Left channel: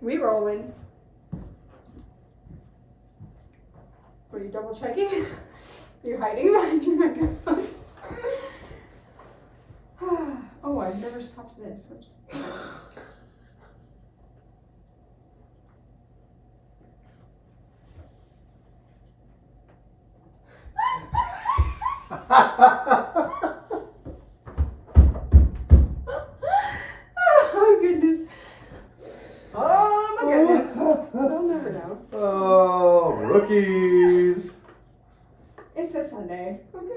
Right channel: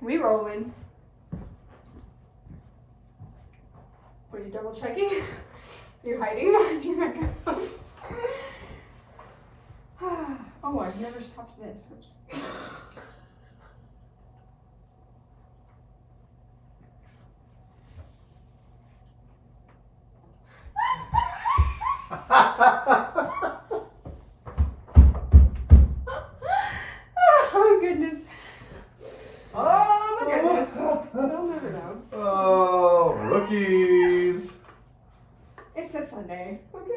We rolling. What are you double checking? You're hiding behind your microphone. Oh, I've never stopped this. Oops. Oh goodness. Oh my goodness. They'll never know. Oh, rookies. It's a Sunday. Okay.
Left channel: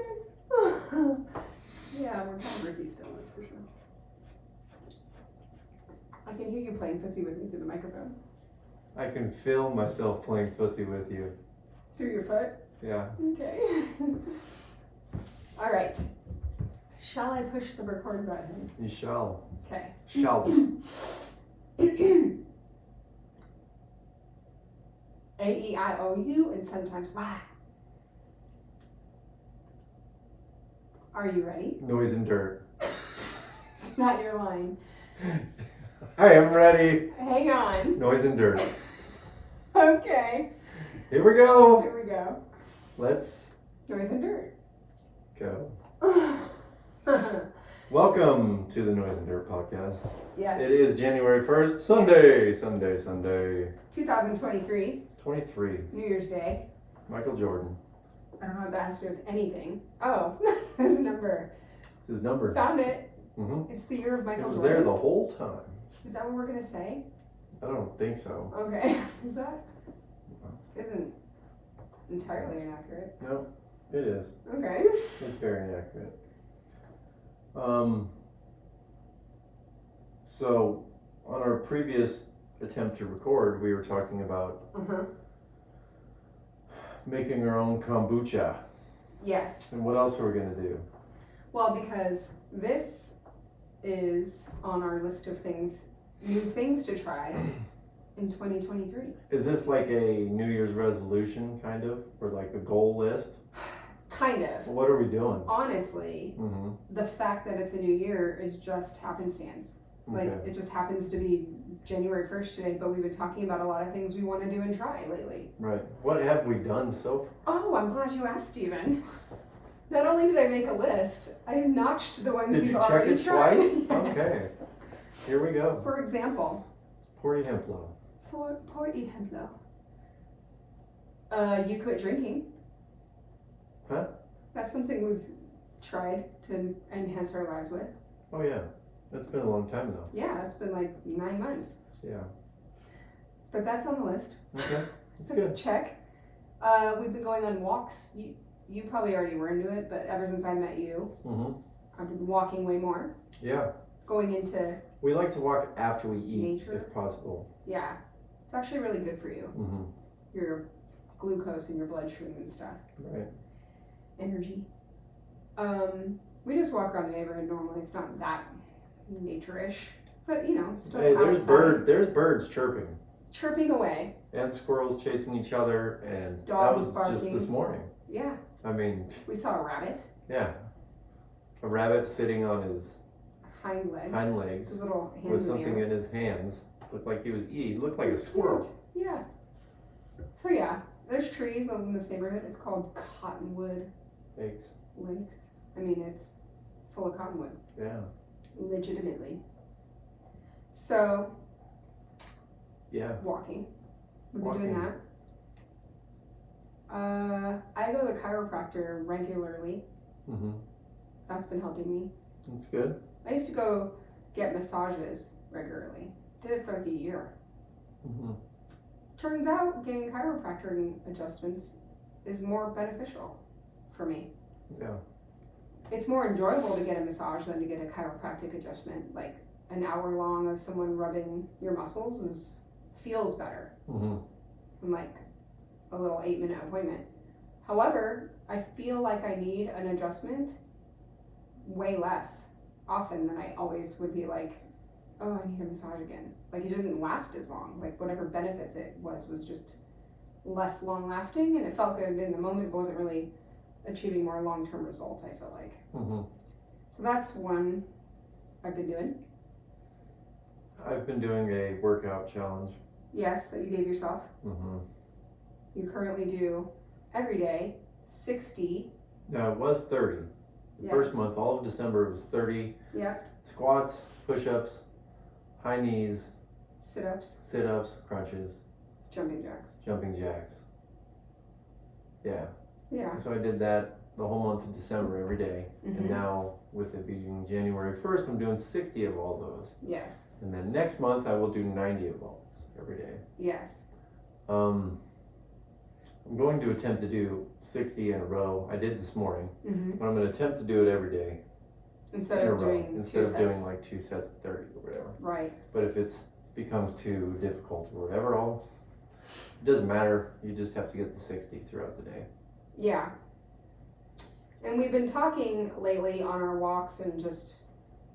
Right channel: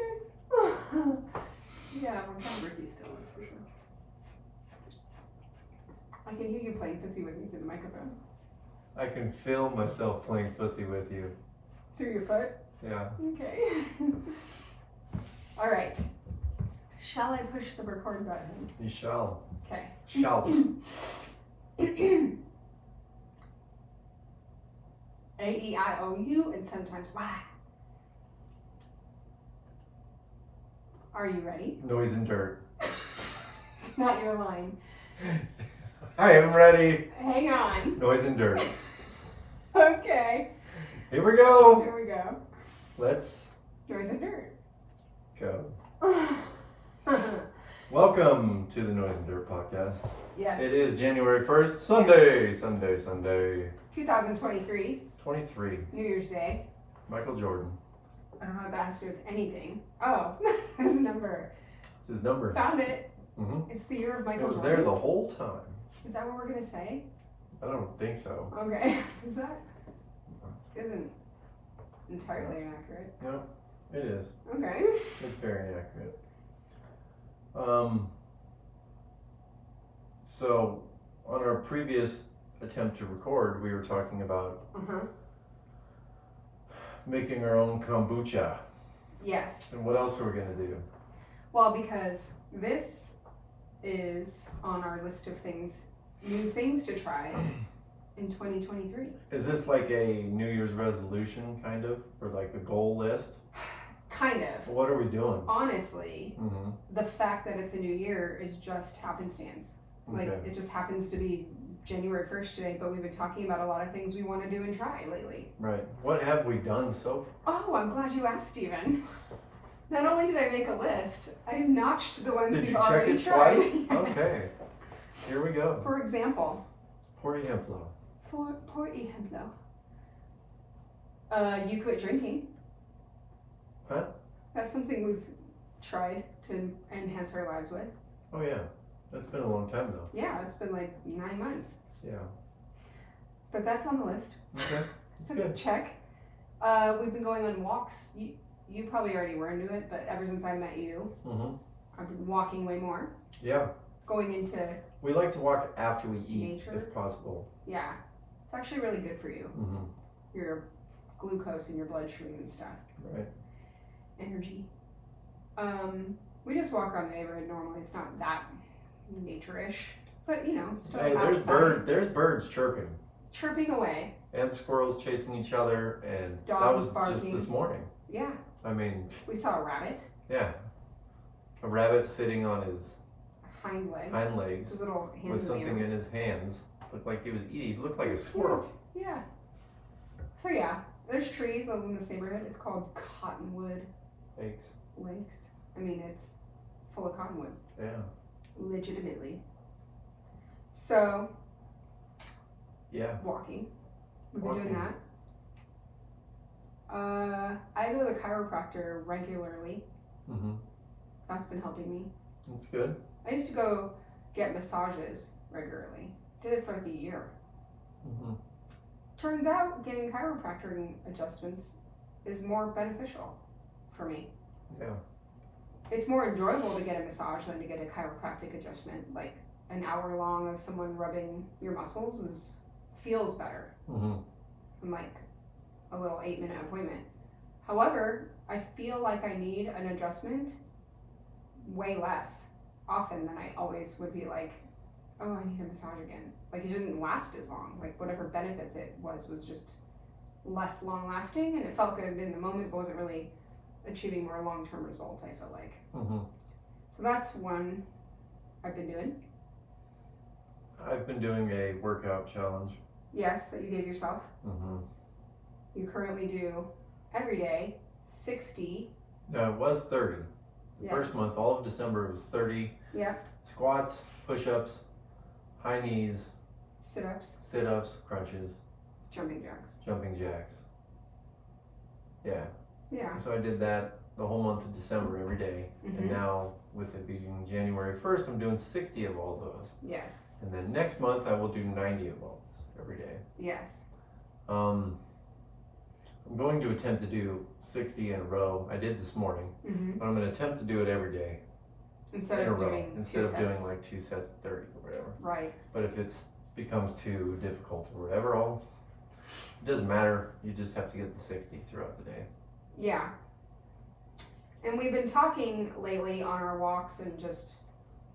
Yeah, we're kind of rookie still, that's for sure. I can hear you playing footsie with me through the microphone. I can feel myself playing footsie with you. Through your foot? Yeah. Okay. All right. Shall I push the record button? You shall. Okay. Shall. A-E-I-O-U and sometimes Y. Are you ready? Noise and dirt. Not your line. I am ready. Hang on. Noise and dirt. Okay. Here we go. Here we go. Let's Noise and dirt. go. Welcome to the Noise and Dirt podcast. Yes. It is January 1st, Sunday. 2023. 23. New Year's Day. Michael Jordan. I don't know what that has to do with anything. Oh, his number. It's his number. Found it. Mm-hmm. It's the year of Michael It was Jordan. there the whole time. Is that what we're gonna say? I don't think so. Okay. Is that? Isn't entirely inaccurate. No, it is. Okay. It's very inaccurate. So, on our previous attempt to record, we were talking about making our own kombucha. Yes. And what else are we going to do? Well, because this is on our list of things, new things to try in 2023. Is this like a New Year's resolution, kind of? Or like a goal list? Kind of. What are we doing? Honestly, the fact that it's a new year is just happenstance. Like, Okay. it just happens to be January 1st today, but we've been talking about a lot of things we want to do and try lately. Right. What have we done so far? Oh, I'm glad you asked, Stephen. Not only did I make a list, I notched the ones Did we've you check already it tried. twice? Yes. Okay. Here we go. For example, Por ejemplo. por ejemplo, you quit drinking. Huh? That's something we've tried to enhance our lives with. Oh yeah. It's been a long time though. Yeah, it's been like 9 months. Yeah. But that's on the list. Okay. That's good. check. We've been going on walks. You probably already were into it, but ever since I met you, I've been walking way more. Yeah. Going into, We like to walk after we eat, Nature. if possible. yeah, it's actually really good for you. Your glucose in your bloodstream and stuff. Right. Energy. We just walk around the neighborhood normally. It's not that nature-ish, but you know, still Hey, outside. there's birds chirping. Chirping away. And squirrels chasing each other, and Dogs that was barking. just this morning. Yeah. I mean, We saw a rabbit. yeah. A rabbit sitting on his Hind legs. hind legs His little hands with in the something air. in his hands. Looked like he was eating. Looked like a It's squirrel. cute. Yeah. So yeah, there's trees in this neighborhood. It's called Cottonwood Thanks. Lakes. I mean, it's full of cottonwoods. Yeah. Legitimately. So, Yeah. walking. We've been Walking. doing that. I go to the chiropractor regularly. That's been helping me. That's good. I used to go get massages regularly. Did it for like a year. Turns out getting chiropractor adjustments is more beneficial for me. Yeah. It's more enjoyable to get a massage than to get a chiropractic adjustment. Like an hour long of someone rubbing your muscles feels better than like a little 8-minute appointment. However, I feel like I need an adjustment way less often than I always would be like, oh, I need a massage again. Like, it didn't last as long. Like, whatever benefits it was just less long lasting, and it felt good in the moment, but wasn't really achieving more long-term results, I feel like. So that's one I've been doing. I've been doing a workout challenge. Yes, that you gave yourself. Mm-hmm. You currently do every day 60. No, it was 30. The Yes. first month, all of December, it was 30 Yep. squats, push-ups, high knees, Sit-ups, sit-ups, crunches, jumping jacks. jumping jacks. Yeah. Yeah. So I did that the whole month of December every day. Mhm. And now, with it being January 1st, I'm doing 60 of all those. Yes. And then next month, I will do 90 of all those every day. Yes. I'm going to attempt to do 60 in a row. I did this morning, Mm-hmm. but I'm going to attempt to do it every day Instead in a of row, doing instead two of sets. doing like 2 sets of 30 or whatever. Right. But if it becomes too difficult or whatever, it doesn't matter. You just have to get the 60 throughout the day. Yeah. And we've been talking lately on our walks and just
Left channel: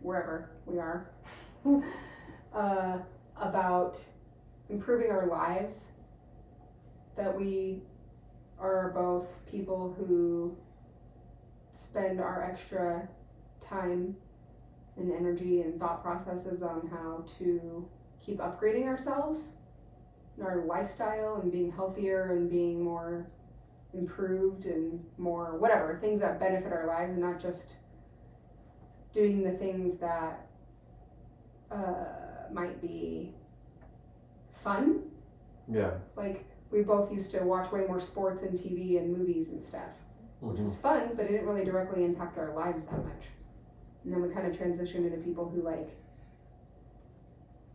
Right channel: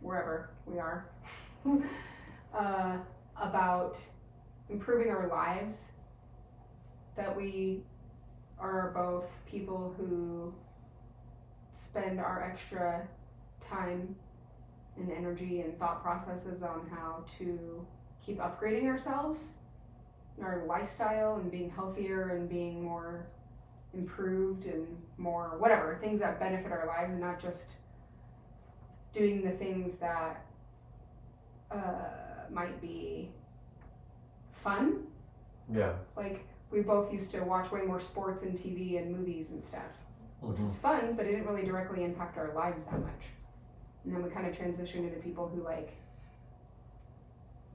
wherever we are about improving our lives. That we are both people who spend our extra time and energy and thought processes on how to keep upgrading ourselves, our lifestyle, and being healthier and being more improved and more whatever, things that benefit our lives, and not just doing the things that might be fun. Yeah. Like, we both used to watch way more sports and TV and movies and stuff, which was fun, but it didn't really directly impact our lives that much. And then we kind of transitioned into people who like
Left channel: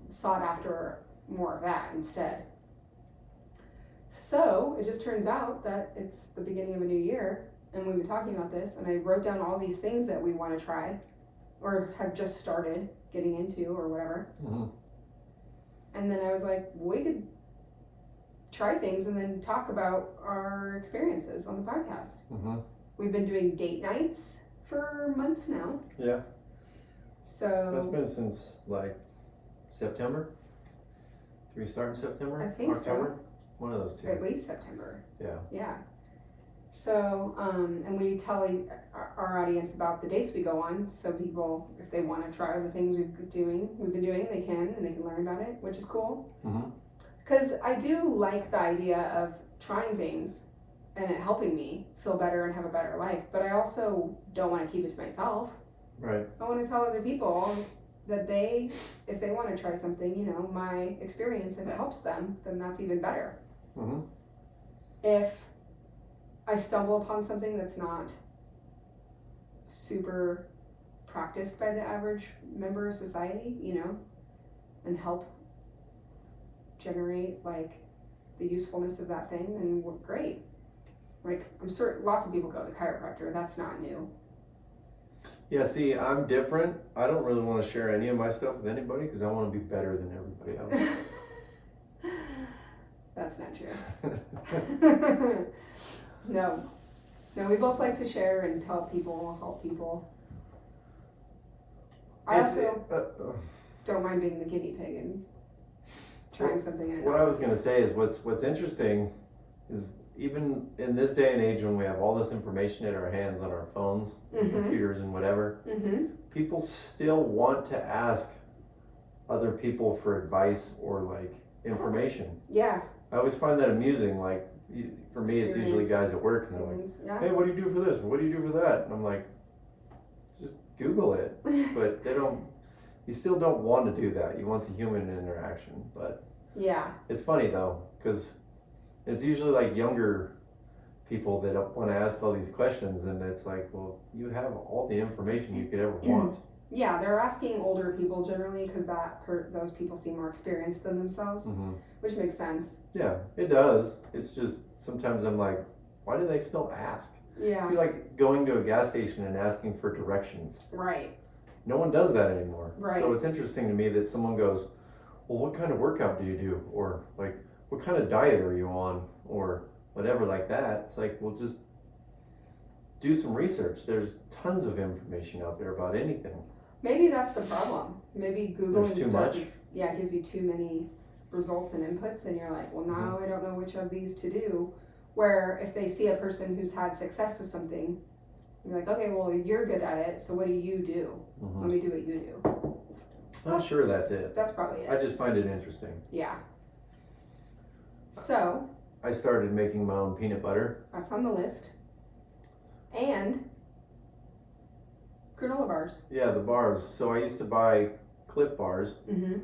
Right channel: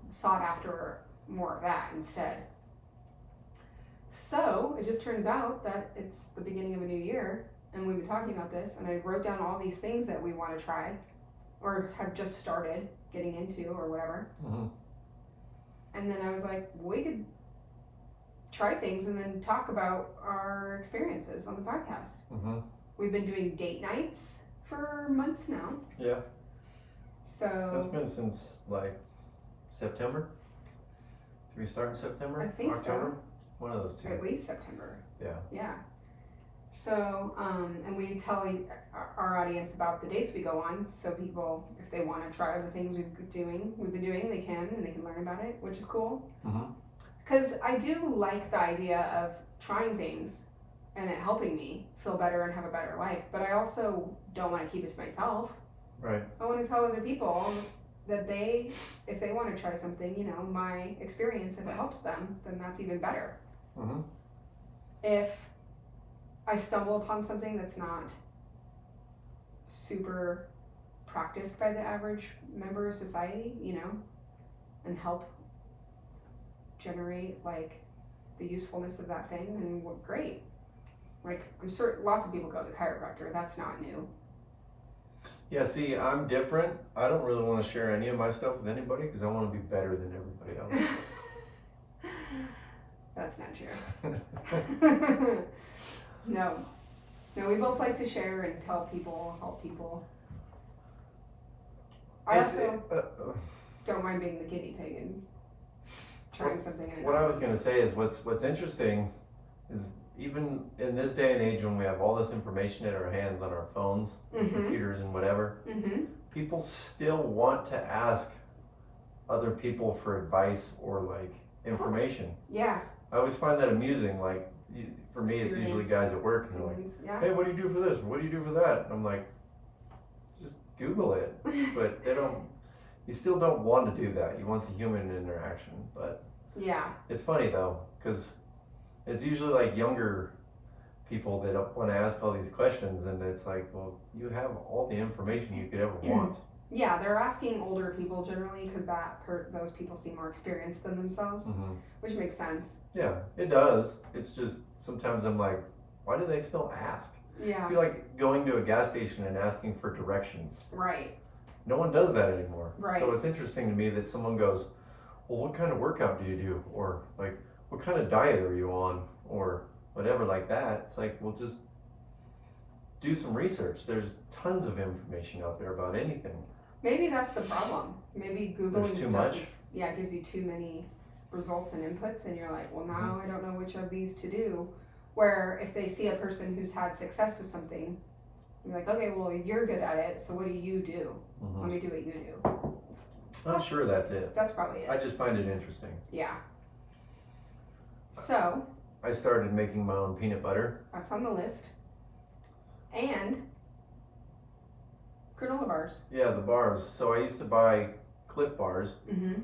sought after more of that instead. So it just turns out that it's the beginning of a new year, and we've been talking about this, and I wrote down all these things that we want to try or have just started getting into or whatever. Mm-hmm. And then I was like, we could try things and then talk about our experiences on the podcast. Mm-hmm. We've been doing date nights for months now. Yeah. So That's been since like September. Did we start in September? I think October? One of those two. at least September. Yeah. Yeah. So, and we tell our audience about the dates we go on, so people, if they want to try the things we've been doing, they can, and they can learn about it, which is cool. Mm-hmm. Because I do like the idea of trying things and it helping me feel better and have a better life, but I also don't want to keep it to myself. Right. I want to tell other people that if they want to try something, you know, my experience, if it helps them, then that's even better. Mm-hmm. If I stumble upon something that's not super practiced by the average member of society, you know, and help generate like the usefulness of that thing, then great. Like, I'm certain lots of people go to the chiropractor. That's not new. Yeah, see, I'm different. I don't really want to share any of my stuff with anybody because I want to be better than everybody else. That's not true. No, we both like to share and tell people, help people. I also don't mind being the guinea pig and trying something. What I was going to say is what's interesting is even in this day and age when we have all this information in our hands on our phones, and computers and whatever, people still want to ask other people for advice or like information. Yeah. I always find that amusing. Like for me, it's usually guys at work and they're like, "Hey, what do you do for this? What do you do for that?" And I'm like, "Just Google it." But they don't. You still don't want to do that. You want the human interaction. But yeah, it's funny though because it's usually like younger people that don't want to ask all these questions, and it's like, well, you have all the information you could ever want. Yeah, they're asking older people generally because those people seem more experienced than themselves, which makes sense. Yeah, it does. It's just sometimes I'm like, why do they still ask? Yeah. It'd be like going to a gas station and asking for directions. Right. No one does that anymore. Right. So it's interesting to me that someone goes, well, what kind of workout do you do? Or like, what kind of diet are you on? Or whatever like that. It's like, well, just do some research. There's tons of information out there about anything. Maybe that's the problem. Maybe Googling too stuff much. Gives you too many results and inputs, and you're like, well, now I don't know which of these to do. Where if they see a person who's had success with something, you're like, okay, well, you're good at it, so what do you do? Let me do what you do. I'm sure that's it. That's probably it. I just find it interesting. Yeah. So I started making my own peanut butter. that's on the list. And granola bars. Yeah, the bars. So I used to buy Cliff bars Mm-hmm.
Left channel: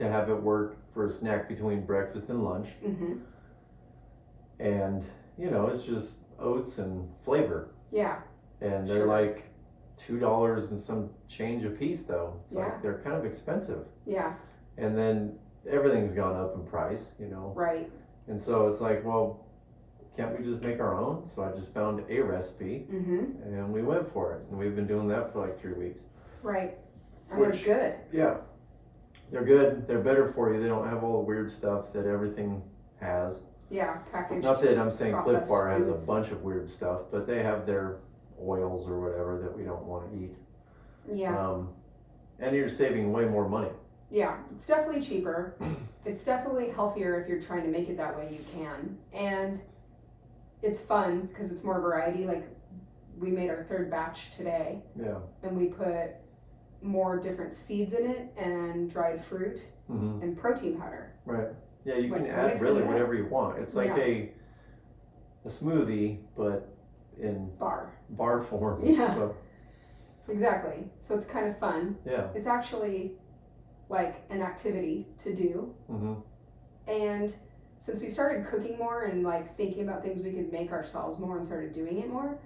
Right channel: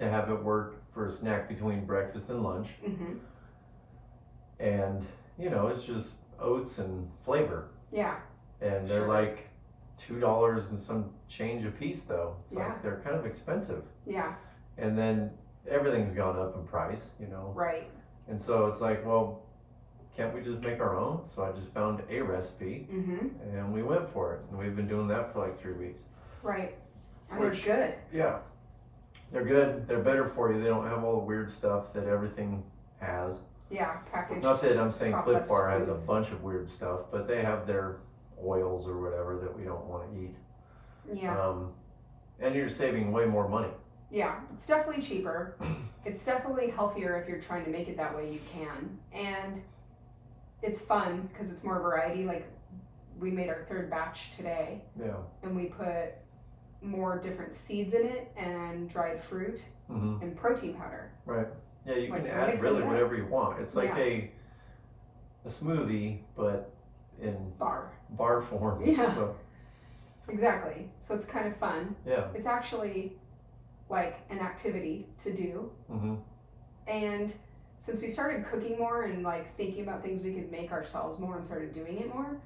To have it work for a snack between breakfast and lunch. Mm-hmm. And, it's just oats and flavor. Yeah. And they're Sure. like $2 and some change a piece though. It's Yeah. like they're kind of expensive. Yeah. And then everything's gone up in price, Right. And so it's like, well, can't we just make our own? So I just found a recipe Mm-hmm. and we went for it. And we've been doing that for like 3 weeks. Right. And Which- they're good. Yeah. They're good. They're better for you. They don't have all the weird stuff that everything has. Yeah. Packaged. Not that I'm saying Cliff processed Bar has foods. a bunch of weird stuff, but they have their oils or whatever that we don't want to eat. Yeah. And you're saving way more money. Yeah. It's definitely cheaper. It's definitely healthier if you're trying to make it that way. You can. And it's fun because it's more variety. Like we made our 3rd batch today. Yeah. And we put more different seeds in it and dried fruit Mm-hmm. and protein powder. Right. Yeah, you can Like, add mix it really up. whatever you want. It's like Yeah. a smoothie, but in Bar. bar form. Yeah. So, Exactly. So it's kind of fun. yeah. It's actually like an activity to do. Mm-hmm. And since we started cooking more and like thinking about things we could make ourselves more and started doing it more,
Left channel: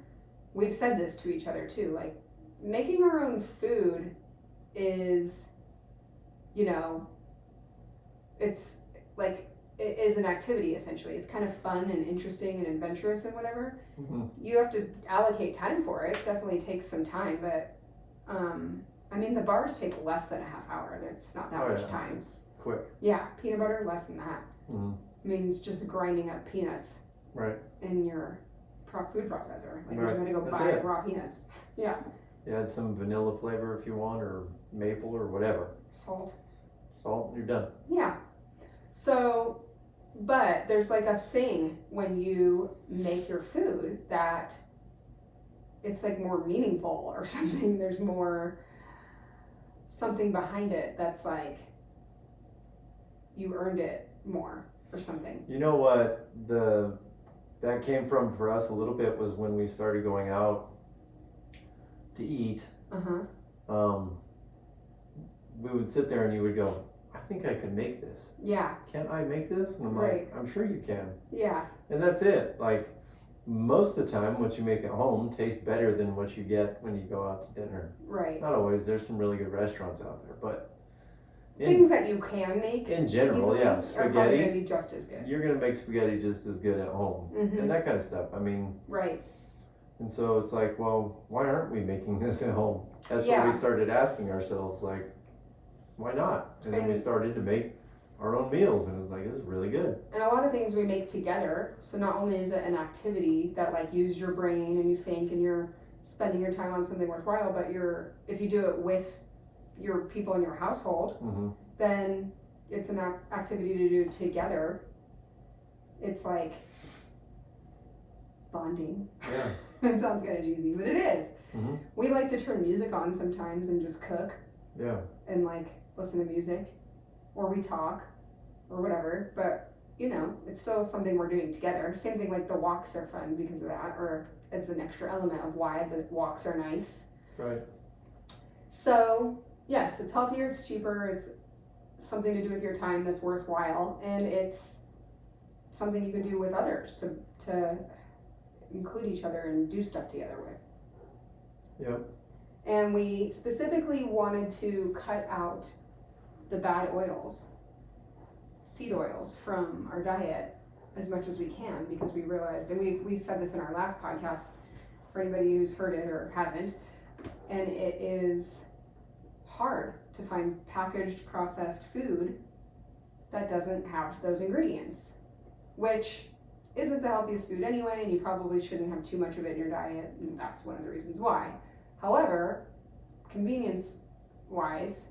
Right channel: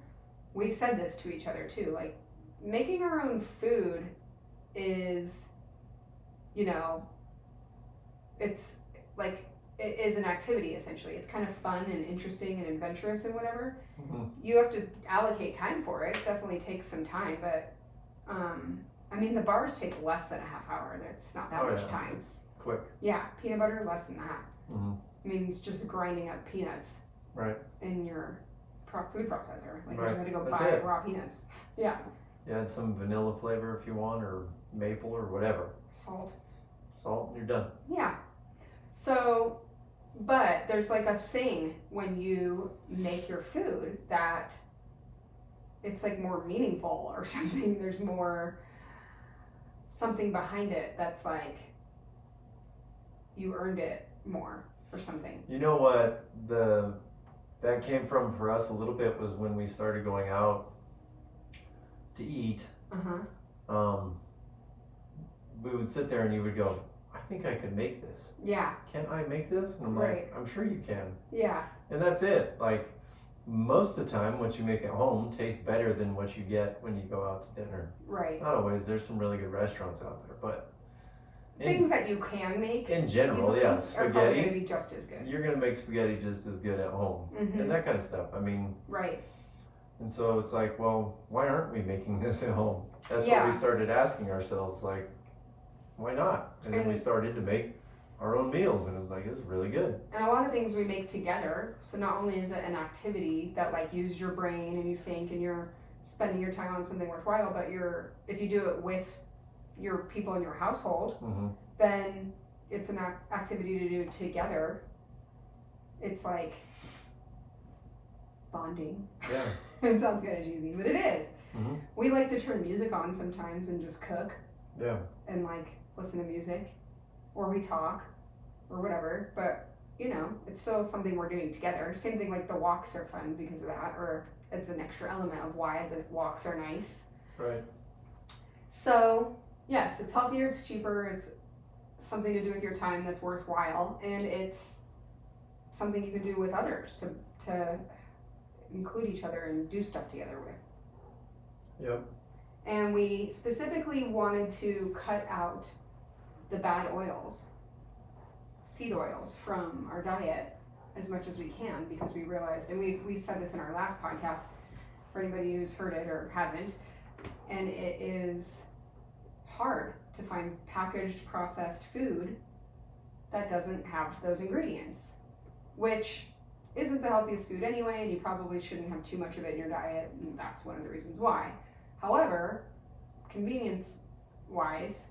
we've said this to each other too. Like making our own food is, it's like it is an activity essentially. It's kind of fun and interesting and adventurous and whatever. Mm-hmm. You have to allocate time for it. It definitely takes some time, but the bars take less than a half hour and it's not that much time. It's quick. Yeah, peanut butter less than that. Mm-hmm. It's just grinding up peanuts Right. in your food processor. Like you Right. just had to go That's buy it. raw peanuts. Yeah, You add some vanilla flavor if you want, or maple or whatever. salt. Salt, you're done. Yeah. So, but there's like a thing when you make your food that it's like more meaningful or something. There's more something behind it that's like you earned it more or something. You know what that came from for us a little bit was when we started going out to eat. Uh-huh. We would sit there and you would go, I think I can make this. Yeah. Can't I make this? And I'm Right. like, I'm sure you can. Yeah. And that's it. Like most of the time what you make at home tastes better than what you get when you go out to dinner. Right. Not always, there's some really good restaurants out there, but Things that you can make in general, easily yeah, are probably going to spaghetti, be just as good. you're gonna make spaghetti just as good at home. Mm-hmm. And that kind of stuff. I mean, Right. and so it's like, well, why aren't we making this at home? That's Yeah. what we started asking ourselves, like, why not? And then we And- started to make our own meals, and it was like, this is really good. And a lot of things we make together. So not only is it an activity that like uses your brain and you think and you're spending your time on something worthwhile, but if you do it with your people in your household, Mm-hmm. then it's an activity to do together. It's like bonding. Yeah. It sounds kind of cheesy, but it is. Mm-hmm. We like to turn music on sometimes and just cook Yeah. and like listen to music, or we talk, or whatever. But it's still something we're doing together. Same thing, like the walks are fun because of that, or it's an extra element of why the walks are nice. Right. So yes, it's healthier, it's cheaper, it's something to do with your time that's worthwhile, and it's something you can do with others to include each other and do stuff together with. Yep. And we specifically wanted to cut out the bad oils, seed oils, from our diet as much as we can, because we realized, and we said this in our last podcast for anybody who's heard it or hasn't, and it is hard to find packaged processed food that doesn't have those ingredients, which isn't the healthiest food anyway, and you probably shouldn't have too much of it in your diet, and that's one of the reasons why. However, convenience wise,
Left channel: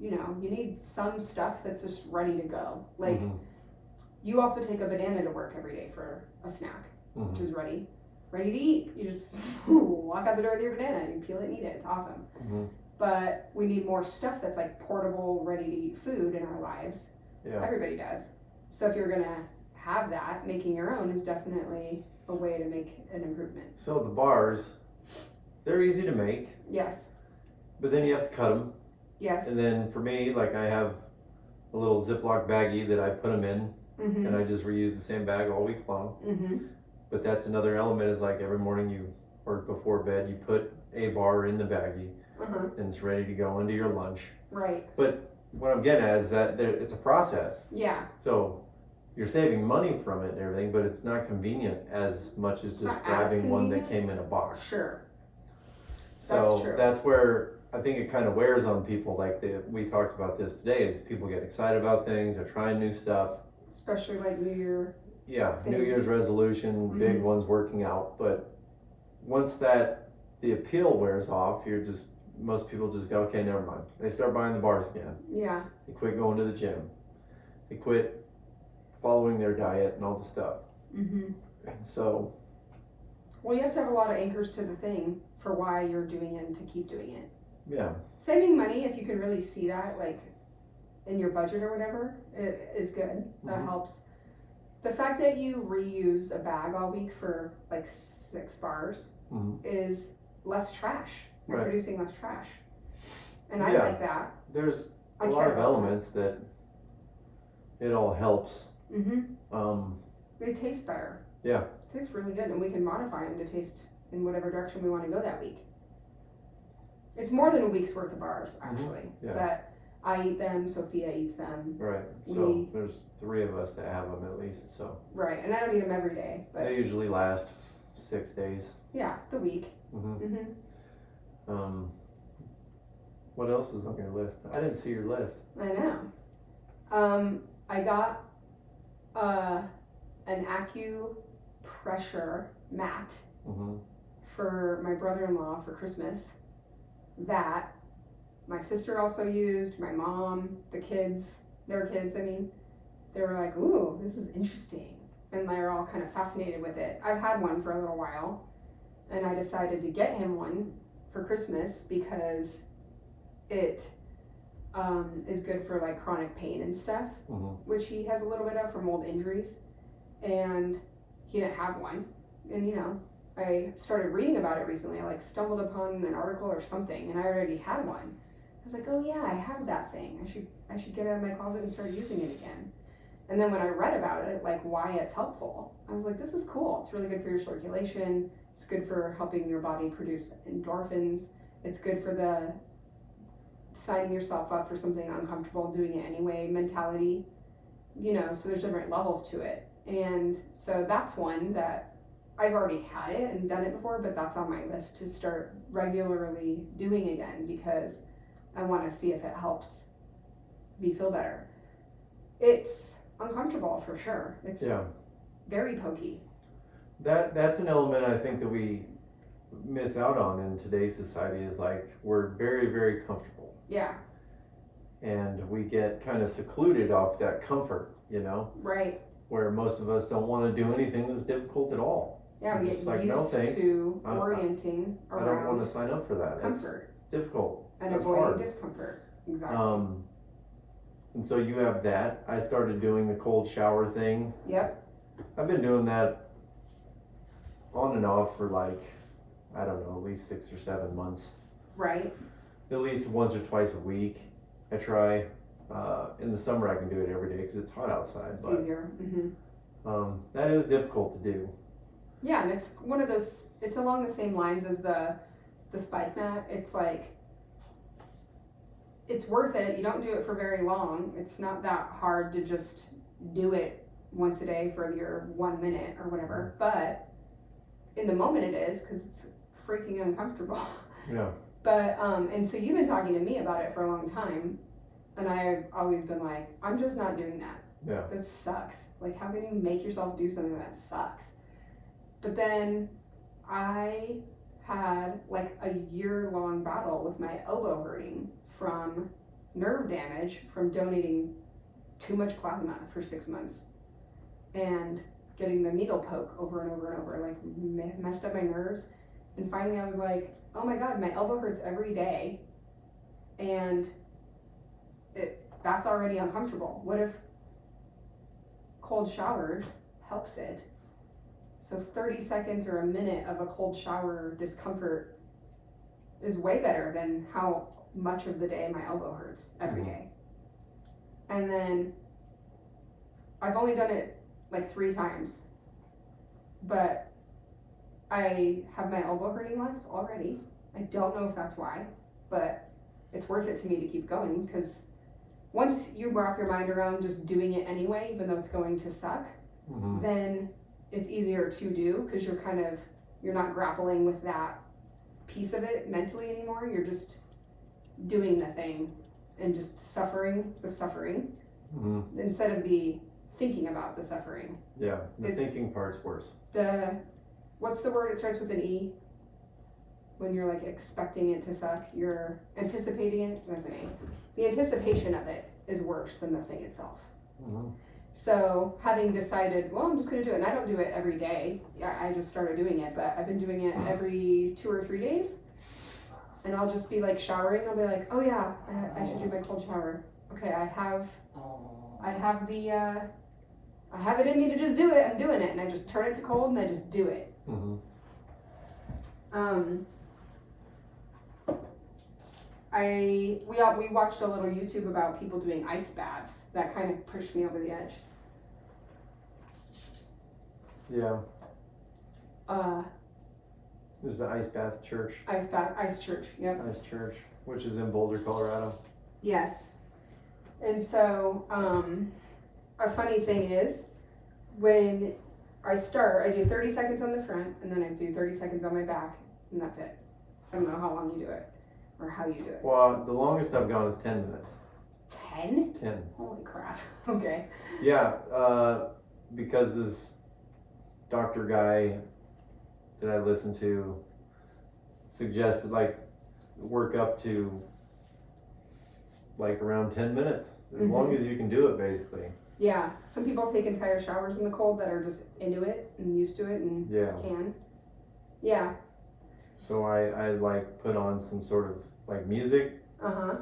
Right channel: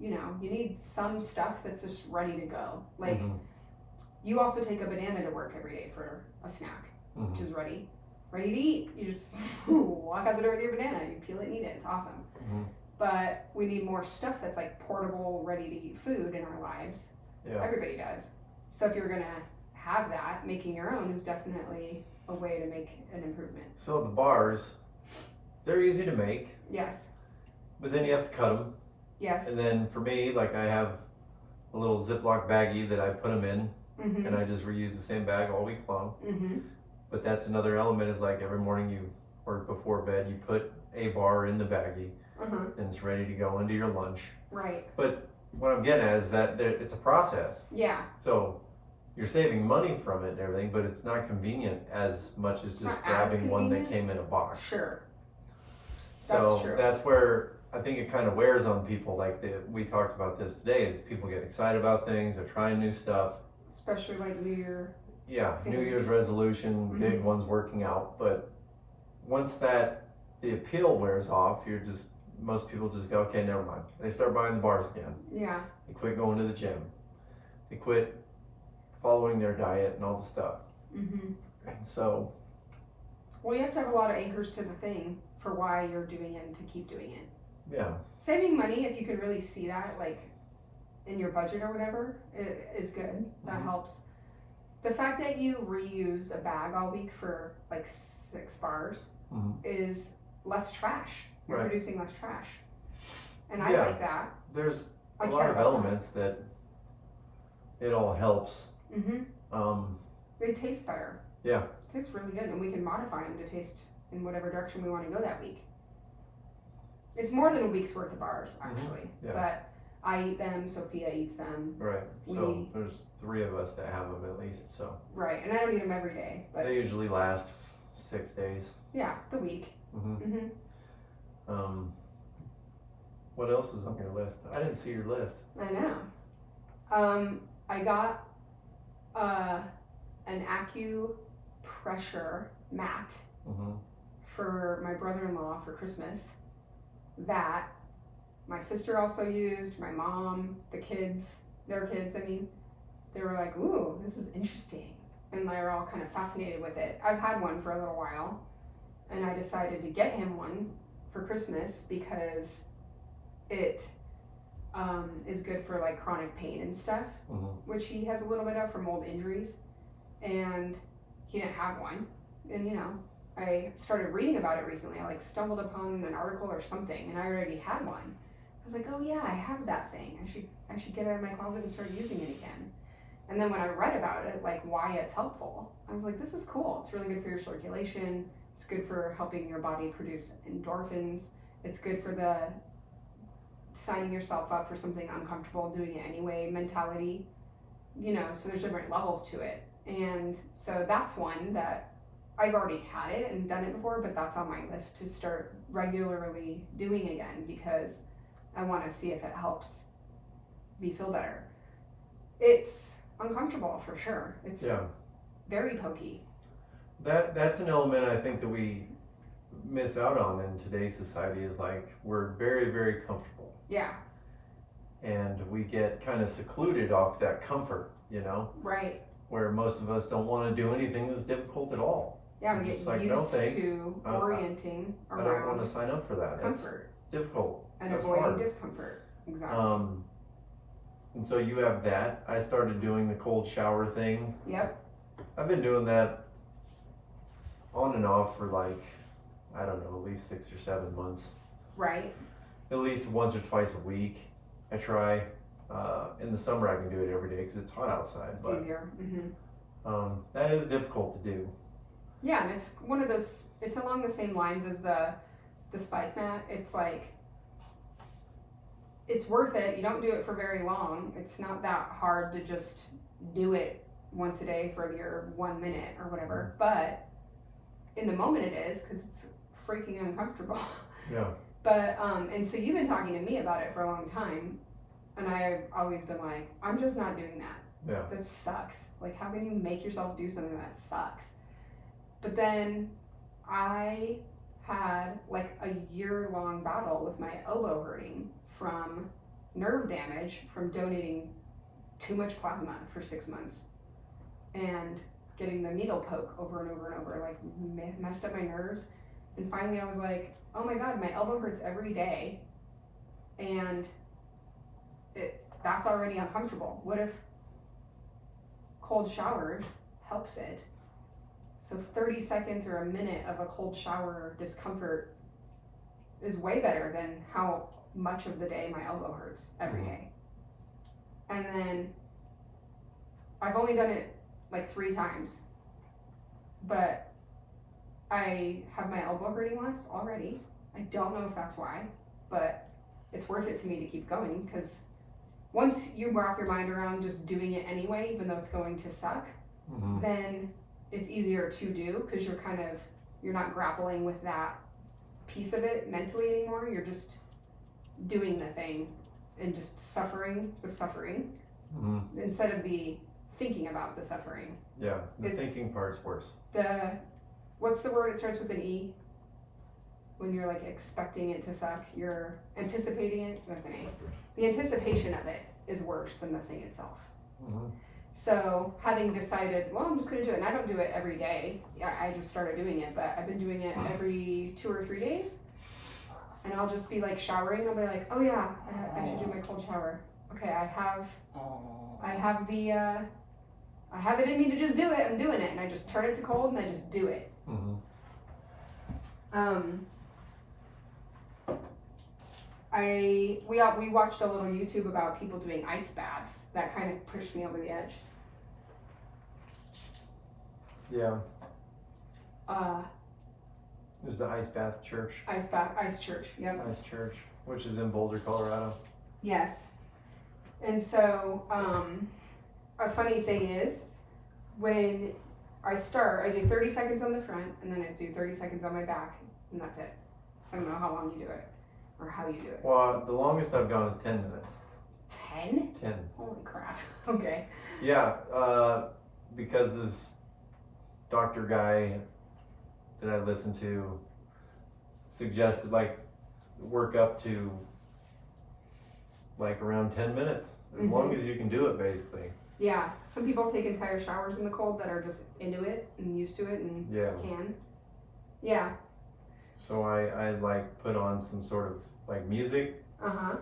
you need some stuff that's just ready to go. Like, Mhm. you also take a banana to work every day for a snack, Mhm. which is ready to eat. You just walk out the door with your banana, you peel it and eat it. It's awesome. Mhm. But we need more stuff that's like portable, ready to eat food in our lives. Yeah. Everybody does. So if you're gonna have that, making your own is definitely a way to make an improvement. So the bars, they're easy to make. Yes. But then you have to cut them. Yes. And then for me, like I have a little Ziploc baggie that I put them in, Mm-hmm. and I just reuse the same bag all week long. Mm-hmm. But that's another element, is like every morning or before bed, you put a bar in the baggie, Uh-huh. and it's ready to go into your lunch. Right. But what I'm getting at is that it's a process. Yeah. So you're saving money from it and everything, but it's not convenient as much as It's just not as grabbing one that convenient. came in a box. Sure. So That's true. that's where I think it kind of wears on people. Like we talked about this today, is people get excited about things, they're trying new stuff. Especially like New Year. Yeah, New Things. Year's resolution, big Mhm. ones working out. But once the appeal wears off, most people just go, okay, never mind. They start buying the bars again. Yeah. They quit going to the gym. They quit following their diet and all the stuff. Mm-hmm. And so, Well, you have to have a lot of anchors to the thing for why you're doing it and to keep doing it. yeah, Saving money, if you can really see that, like in your budget or whatever, is good. That Mhm. helps. The fact that you reuse a bag all week for like 6 bars Mhm. is less trash. You're Right. producing less trash. And I Yeah. like that. there's I a lot care of about elements that it all helps. that. Mm-hmm. They taste better. Yeah. Tastes really good, and we can modify them to taste in whatever direction we want to go that week. It's more than a week's worth of bars, actually. Yeah. But I eat them, Sophia eats them. Right. We- So there's 3 of us that have them at least. So Right, and I don't eat them every day, but they usually last 6 days. yeah, the week. hmm Mm-hmm. What else is on your list? I didn't see your list. I know. I got an acupressure mat Mm-hmm. for my brother-in-law for Christmas that my sister also used, my mom, their kids, I mean, they were like, ooh, this is interesting. And they were all kind of fascinated with it. I've had one for a little while, and I decided to get him one for Christmas because it is good for like chronic pain and stuff, Mm-hmm. which he has a little bit of from old injuries, and he didn't have one. And you know, I started reading about it recently. I like stumbled upon an article or something, and I already had one. I was like, oh yeah, I have that thing. I should get it out of my closet and start using it again. And then when I read about it, like why it's helpful, I was like, this is cool. It's really good for your circulation. It's good for helping your body produce endorphins. It's good for the signing yourself up for something uncomfortable, doing it anyway mentality. You know, so there's different levels to it. And so that's one that I've already had it and done it before, but that's on my list to start regularly doing again because I want to see if it helps me feel better. It's uncomfortable for sure. It's very pokey. That's an element I think that we miss out on in today's society, is like we're very, very comfortable. Yeah. And we get kind of secluded off that comfort, you know, Right. where most of us don't want to do anything that's difficult at all. Yeah, we We're get just like, used no, thanks. to I- orienting I don't want around to sign up for that. comfort It's difficult. and That's avoiding hard. discomfort. Exactly. And so you have that. I started doing the cold shower thing. Yep. I've been doing that on and off for like, I don't know, at least 6 or 7 months. Right. At least once or twice a week. I try. In the summer I can do it every day because it's hot outside. It's But easier. that is difficult to do. Yeah, and it's one of those. It's along the same lines as the spike mat. It's like it's worth it. You don't do it for very long. It's not that hard to just do it once a day for your 1 minute or whatever. But in the moment it is because it's freaking uncomfortable. Yeah. But and so you've been talking to me about it for a long time, and I've always been like, I'm just not doing that. Yeah. That sucks. Like, how can you make yourself do something that sucks? But then I had like a year-long battle with my elbow hurting from nerve damage from donating too much plasma for 6 months and getting the needle poke over and over and over, like messed up my nerves. And finally I was like, oh my God, my elbow hurts every day, and that's already uncomfortable. What if cold shower helps it. So 30 seconds or a minute of a cold shower discomfort is way better than how much of the day my elbow hurts every day. And then I've only done it like 3 times, but I have my elbow hurting less already. I don't know if that's why, but it's worth it to me to keep going, because once you wrap your mind around just doing it anyway, even though it's going to suck, then it's easier to do, because you're not grappling with that piece of it mentally anymore. You're just doing the thing and just suffering the suffering instead of the thinking about the suffering. Yeah, the thinking part's worse. What's the word? It starts with an E. When you're like expecting it to suck, you're anticipating it. That's an A. The anticipation of it is worse than the thing itself. So having decided, well, I'm just going to do it, and I don't do it every day. I just started doing it, but I've been doing it every 2 or 3 days. And I'll just be like showering. I'll be like, oh yeah, I should do my cold shower. Okay, I have it in me to just do it. I'm doing it, and I just turn it to cold, and I just do it. We watched a little YouTube about people doing ice baths. That kind of pushed me over the edge. Yeah. This is the Ice Bath Church. Ice Church, yep. Ice Church, which is in Boulder, Colorado. Yes. And so, a funny thing is, when I start, I do 30 seconds on the front, and then I do 30 seconds on my back, and that's it. I don't know how long you do it, or how you do it. Well, the longest I've gone is 10 minutes. 10? 10. Holy crap. Okay. Yeah, because this doctor guy that I listened to suggested like work up to like around 10 minutes, as long as you can do it, basically. Yeah, some people take entire showers in the cold that are just into it and used to it and can. Yeah. So I like put on some sort of like music that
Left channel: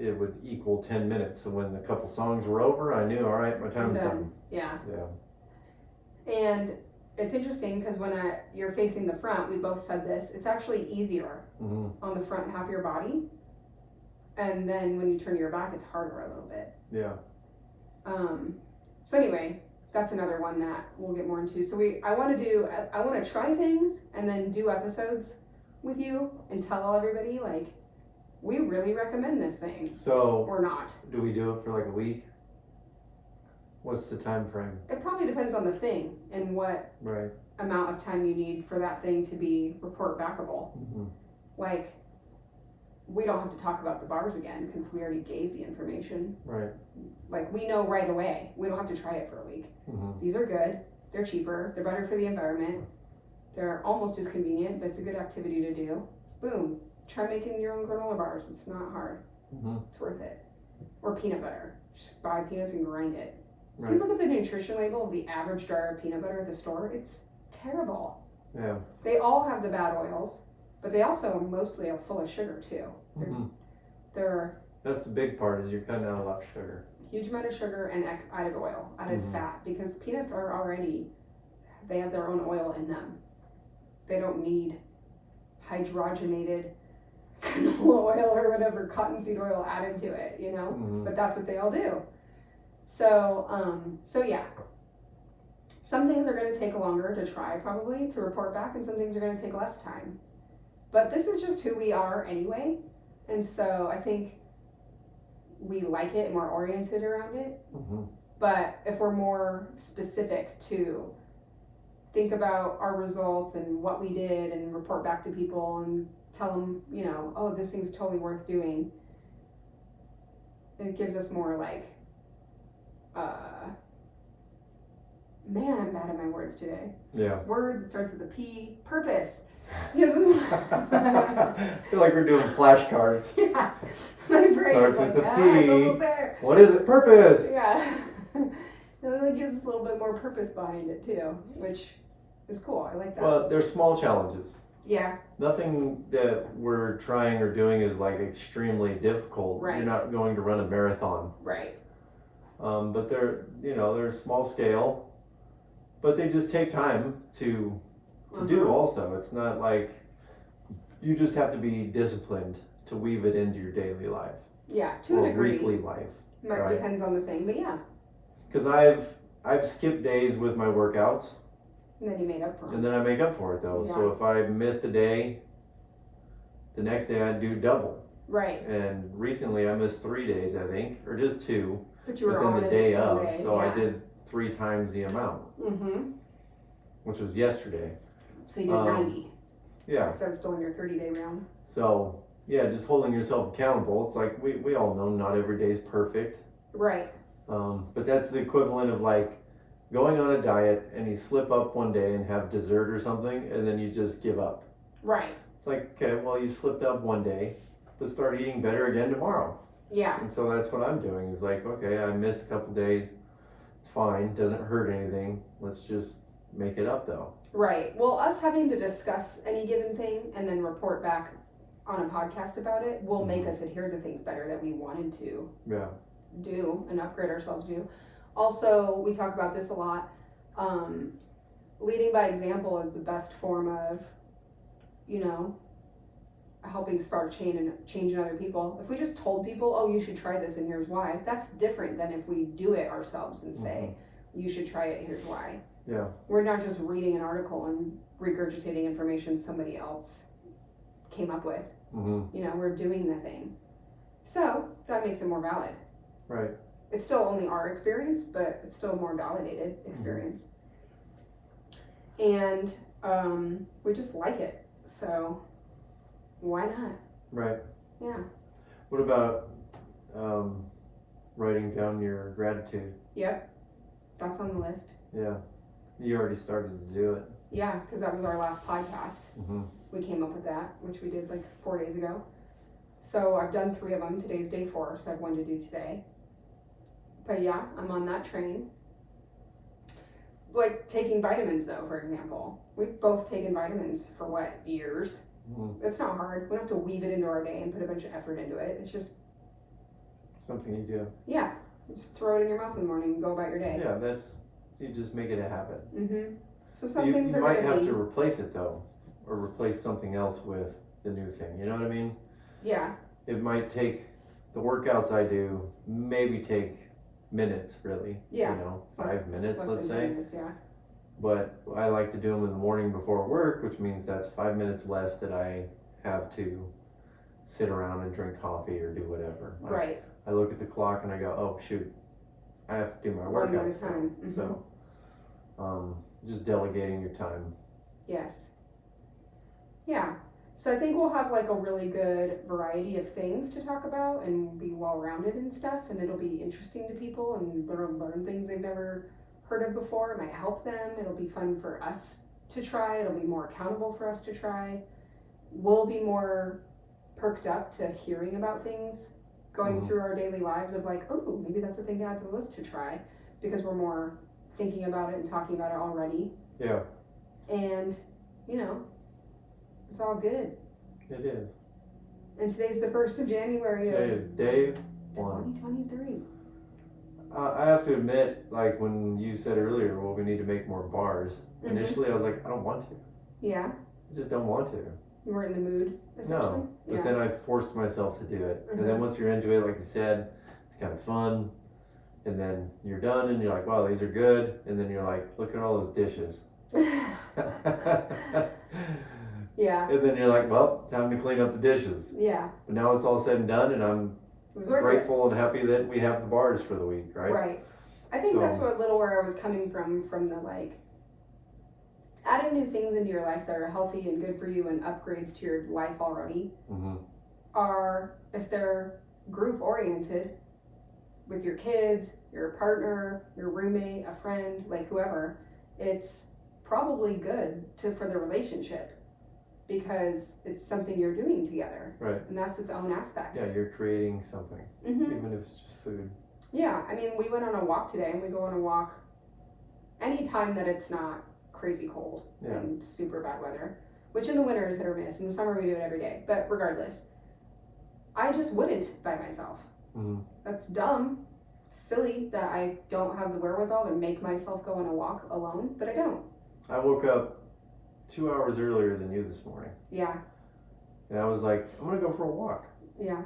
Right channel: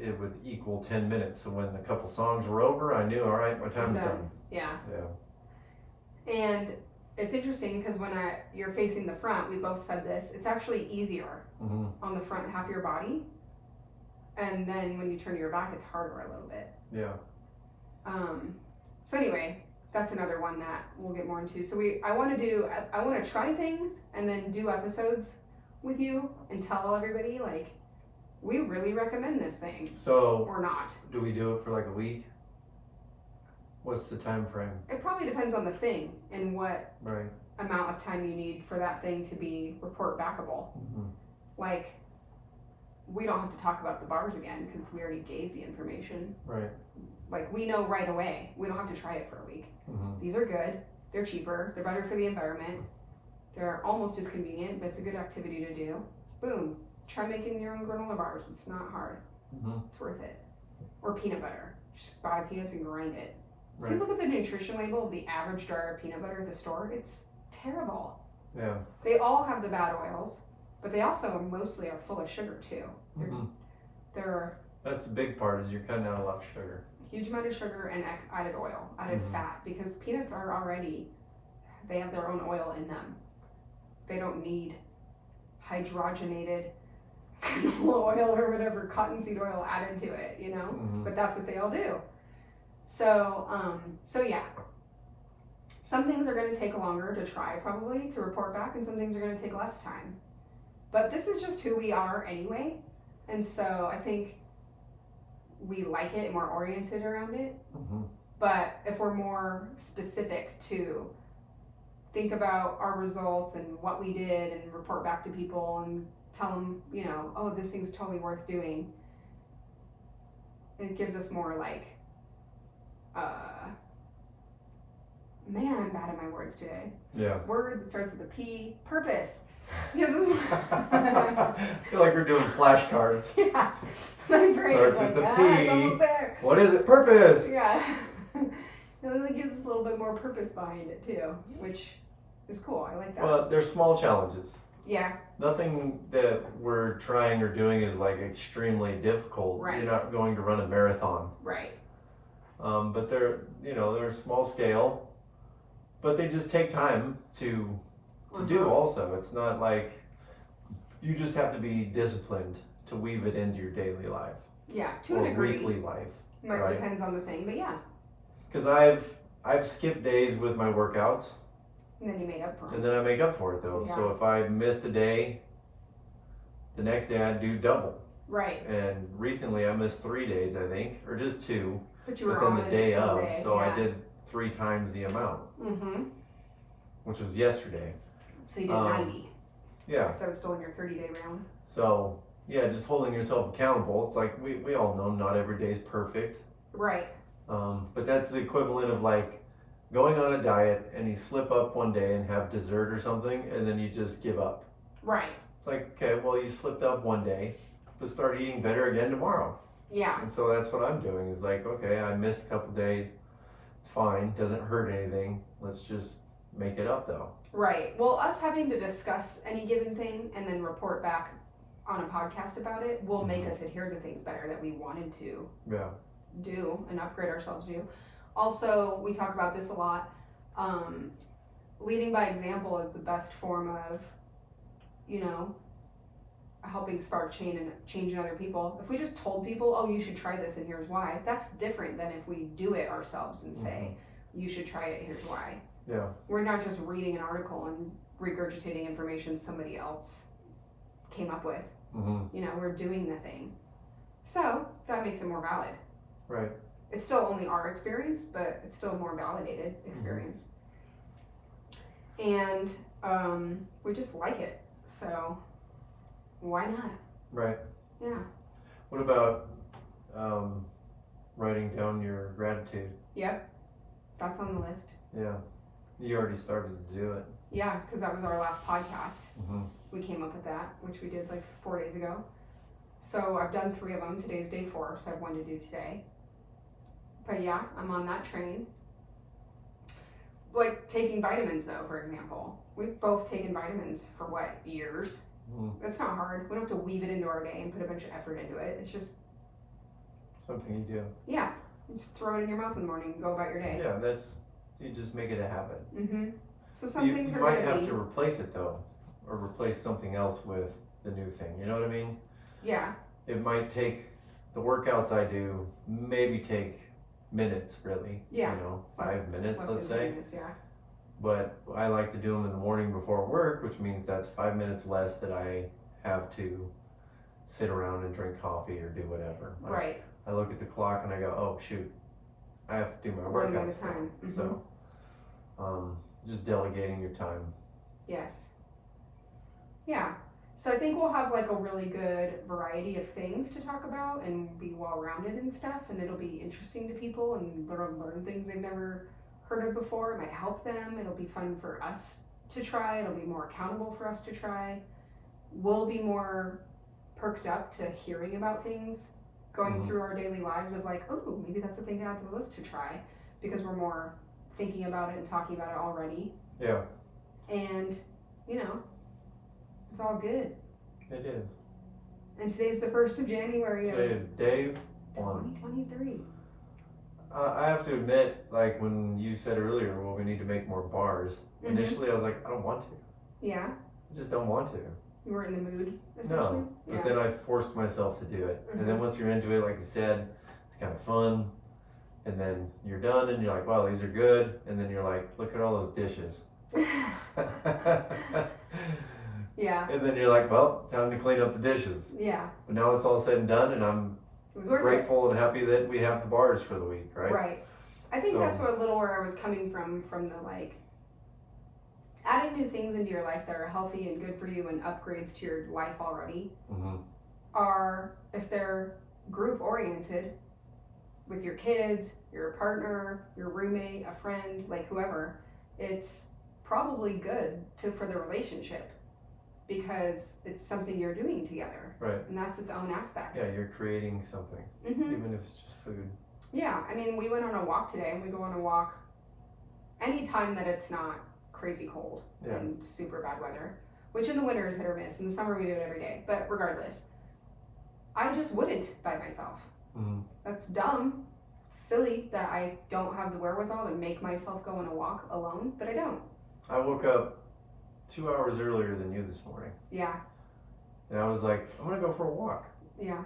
it would equal 10 minutes. So when a couple songs were over, I knew, all right, my time's done. Yeah. And it's interesting because when you're facing the front, we both said this, it's actually easier on the front half of your body. And then when you turn to your back, it's harder a little bit. Yeah. So anyway, that's another one that we'll get more into. So I want to try things and then do episodes with you and tell everybody, like, we really recommend this thing. So. Or not. Do we do it for like a week? What's the time frame? It probably depends on the thing and what amount of time you need for that thing to be report backable. Like, we don't have to talk about the bars again because we already gave the information. Right. Like, we know right away. We don't have to try it for a week. These are good. They're cheaper. They're better for the environment. They're almost as convenient, but it's a good activity to do. Boom. Try making your own granola bars. It's not hard. It's worth it. Or peanut butter. Just buy peanuts and grind it. If you look at the nutrition label of the average jar of peanut butter at the store, it's terrible. Yeah. They all have the bad oils, but they also mostly are full of sugar too. That's the big part, is you're cutting out a lot of sugar. Huge amount of sugar and added oil, added fat, because peanuts are already, they have their own oil in them. They don't need hydrogenated canola oil or whatever, cottonseed oil added to it, you know? But that's what they all do. So yeah. Some things are going to take longer to try, probably, to report back, and some things are going to take less time. But this is just who we are anyway, and so I think we like it and we're oriented around it. But if we're more specific to think about our results and what we did and report back to people and tell them, you know, oh, this thing's totally worth doing, it gives us more like, man, I'm bad at my words today. Yeah. Word that starts with a P. Purpose. I feel like we're doing flashcards. Yeah. My brain Starts is like, with a P. it's almost there. What is it? Purpose. Yeah. It really gives us a little bit more purpose behind it too, which is cool. I like that. Well, they're small challenges. Yeah. Nothing that we're trying or doing is like extremely difficult. Right. You're not going to run a marathon. Right. But they're small scale, but they just take time to do also. It's not like you just have to be disciplined to weave it into your daily life. Yeah, to a degree. Weekly life. Right? Depends on the thing, but yeah. Because I've skipped days with my workouts. And then you made up for it. And then I make up for it though. Yeah. So if I missed a day, the next day I'd do double. Right. And recently I missed 3 days, I think, or just 2. But you were within on the it day until of, day. so Yeah. I did 3 times the amount, which was yesterday. So you did 90. Yeah. Because I was still in your 30-day round. So yeah, just holding yourself accountable. It's like we all know not every day is perfect. Right. But that's the equivalent of like going on a diet and you slip up one day and have dessert or something, and then you just give up. Right. It's like, okay, well, you slipped up one day, but start eating better again tomorrow. Yeah. And so that's what I'm doing. Is like, okay, I missed a couple days. It's fine. Doesn't hurt anything. Let's just make it up though. Right. Well, us having to discuss any given thing and then report back on a podcast about it will make us adhere to things better that we wanted to do and upgrade ourselves to. Also, we talk about this a lot. Leading by example is the best form of, helping spark change in other people. If we just told people, oh, you should try this and here's why, that's different than if we do it ourselves and say, you should try it, here's why. Yeah. We're not just reading an article and regurgitating information somebody else came up with. We're doing the thing. So that makes it more valid. Right. It's still only our experience, but it's still a more validated experience. And we just like it. So why not? Right. Yeah. What about writing down your gratitude? Yep. That's on the list. Yeah. You already started to do it. Yeah, because that was our last podcast. We came up with that, which we did like 4 days ago. So I've done 3 of them. Today's day 4, so I have 1 to do today. But yeah, I'm on that train. Like taking vitamins though, for example. We've both taken vitamins for years? It's not hard. We don't have to weave it into our day and put a bunch of effort into it. It's just something you do. Yeah. Just throw it in your mouth in the morning and go about your day. Yeah, you just make it a habit. So some things are you might have to replace it though, or replace something else with the new thing. You know what I mean? Yeah. It might take the workouts I do maybe take minutes really. Yeah. 5 minutes, let's say. Minutes, yeah. But I like to do them in the morning before work, which means that's 5 minutes less that I have to sit around and drink coffee or do whatever. Right. I look at the clock and I go, oh shoot, I have to do my Running out workout. of time. So, just delegating your time. Yes. Yeah. So I think we'll have like a really good variety of things to talk about and be well-rounded and stuff, and it'll be interesting to people and learn things they've never heard of before. It might help them. It'll be fun for us to try. It'll be more accountable for us to try. We'll be more perked up to hearing about things going through our daily lives of like, oh, maybe that's a thing to add to the list to try, because we're more thinking about it and talking about it already. Yeah. And, it's all good. It is. And today's the 1st of January of Today is day 1. 2023. I have to admit, like when you said earlier, well, we need to make more bars. Initially, I was like, I don't want to. Yeah. I just don't want to. You weren't in the mood, essentially? No, but then I forced myself to do it. And then once you're into it, like you said, it's kind of fun. And then you're done and you're like, wow, these are good. And then you're like, look at all those dishes. Yeah. And then you're like, well, time to clean up the dishes. Yeah. But now it's all said and done, and I'm grateful and happy that we have the bars for the week, right? Right. I think that's a little where I was coming from the like, adding new things into your life that are healthy and good for you and upgrades to your life already are, if they're group oriented with your kids, your partner, your roommate, a friend, like whoever, it's probably good for the relationship because it's something you're doing together. Right. And that's its own aspect. Yeah, you're creating something, even if it's just food. Yeah, I mean, we went on a walk today, and we go on a walk anytime that it's not crazy cold and super bad weather, which in the winter is hit or miss. In the summer we do it every day, but regardless, I just wouldn't by myself. That's dumb. silly that I don't have the wherewithal to make myself go on a walk alone, but I don't. I woke up 2 hours earlier than you this morning. Yeah. And I was like, I'm gonna go for a walk. Yeah.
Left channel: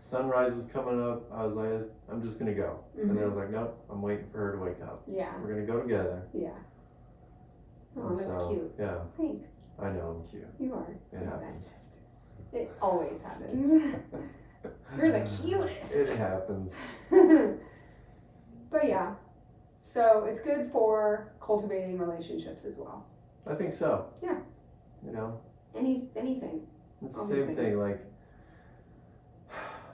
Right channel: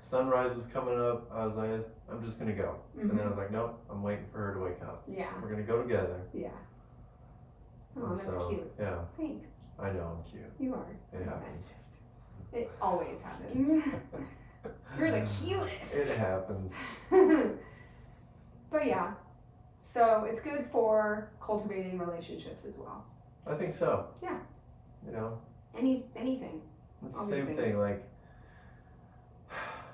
Sunrise was coming up. I was like, I'm just gonna go. Mm-hmm. And then I was like, nope, I'm waiting for her to wake up. Yeah. We're gonna go together. Yeah. Oh, And that's so, cute. Yeah. Thanks. I know I'm cute. You are. It the happens. bestest. It always happens. You're the cutest. It happens. But yeah. So it's good for cultivating relationships as well. I think so. Yeah. You know? Anything. It's All the these same things. thing. Like,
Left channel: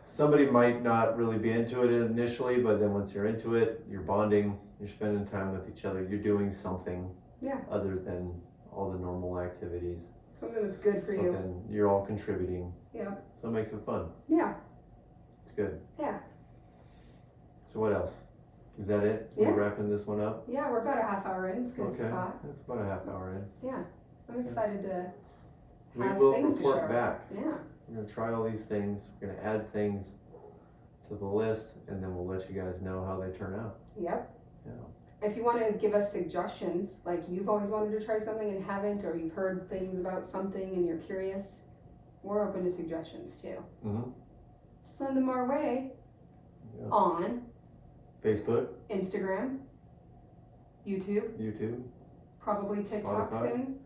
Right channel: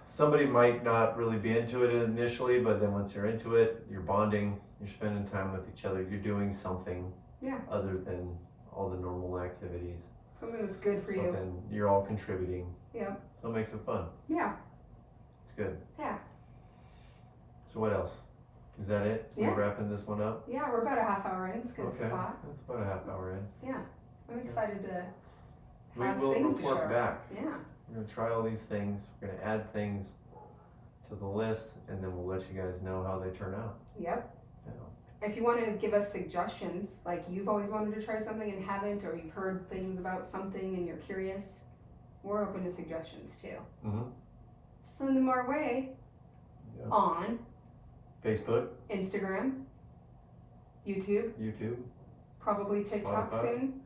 somebody might not really be into it initially, but then once you're into it, you're bonding, you're spending time with each other, you're doing something other than all the normal activities. Something that's good for you. Something you're all contributing. Yeah. So it makes it fun. Yeah. It's good. Yeah. So what else? Is that it? Yeah. We're wrapping this one up? Yeah, we're about a half hour in. It's a good spot. That's about a half hour in. Yeah. I'm excited to We have will things to report share. back. Yeah. We're going to try all these things. We're going to add things to the list, and then we'll let you guys know how they turn out. Yep. Yeah. If you want to give us suggestions, like you've always wanted to try something and haven't, or you've heard things about something and you're curious, we're open to suggestions too. Mm-hmm. Send them our way Yep. on Facebook, Instagram, YouTube, probably TikTok Spotify. soon,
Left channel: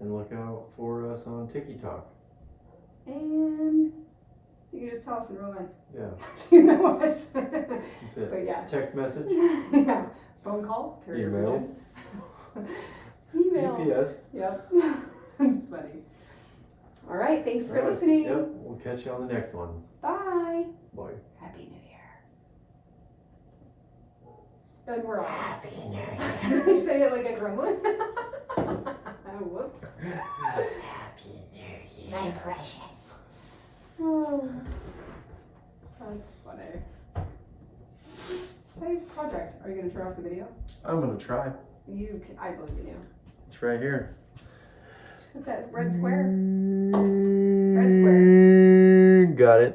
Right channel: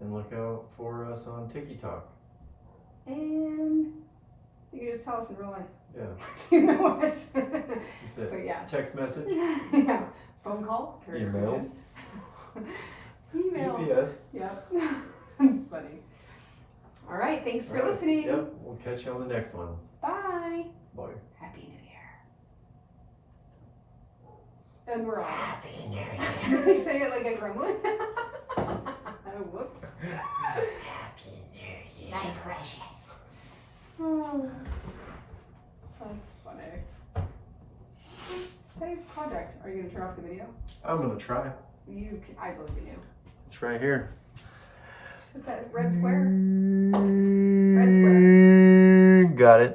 and look out for us on TikTok. and you can just tell us in real life. Yeah, You know us. that's it. But yeah. Text message, Yeah. Phone call, courier email, pigeon. Email. UPS. Yep. It's funny. All right. Thanks for listening. Yep, we'll catch you on the next one. Bye. Bye. Happy New Year. And we're on. Happy New Year. Did I say it like a gremlin? Whoops. Happy New Year. My precious. Oh, that's funny. Save project. Are you going to turn off the video? I'm gonna try. I believe in you. It's right here. Just hit that red square. Red square. Got it.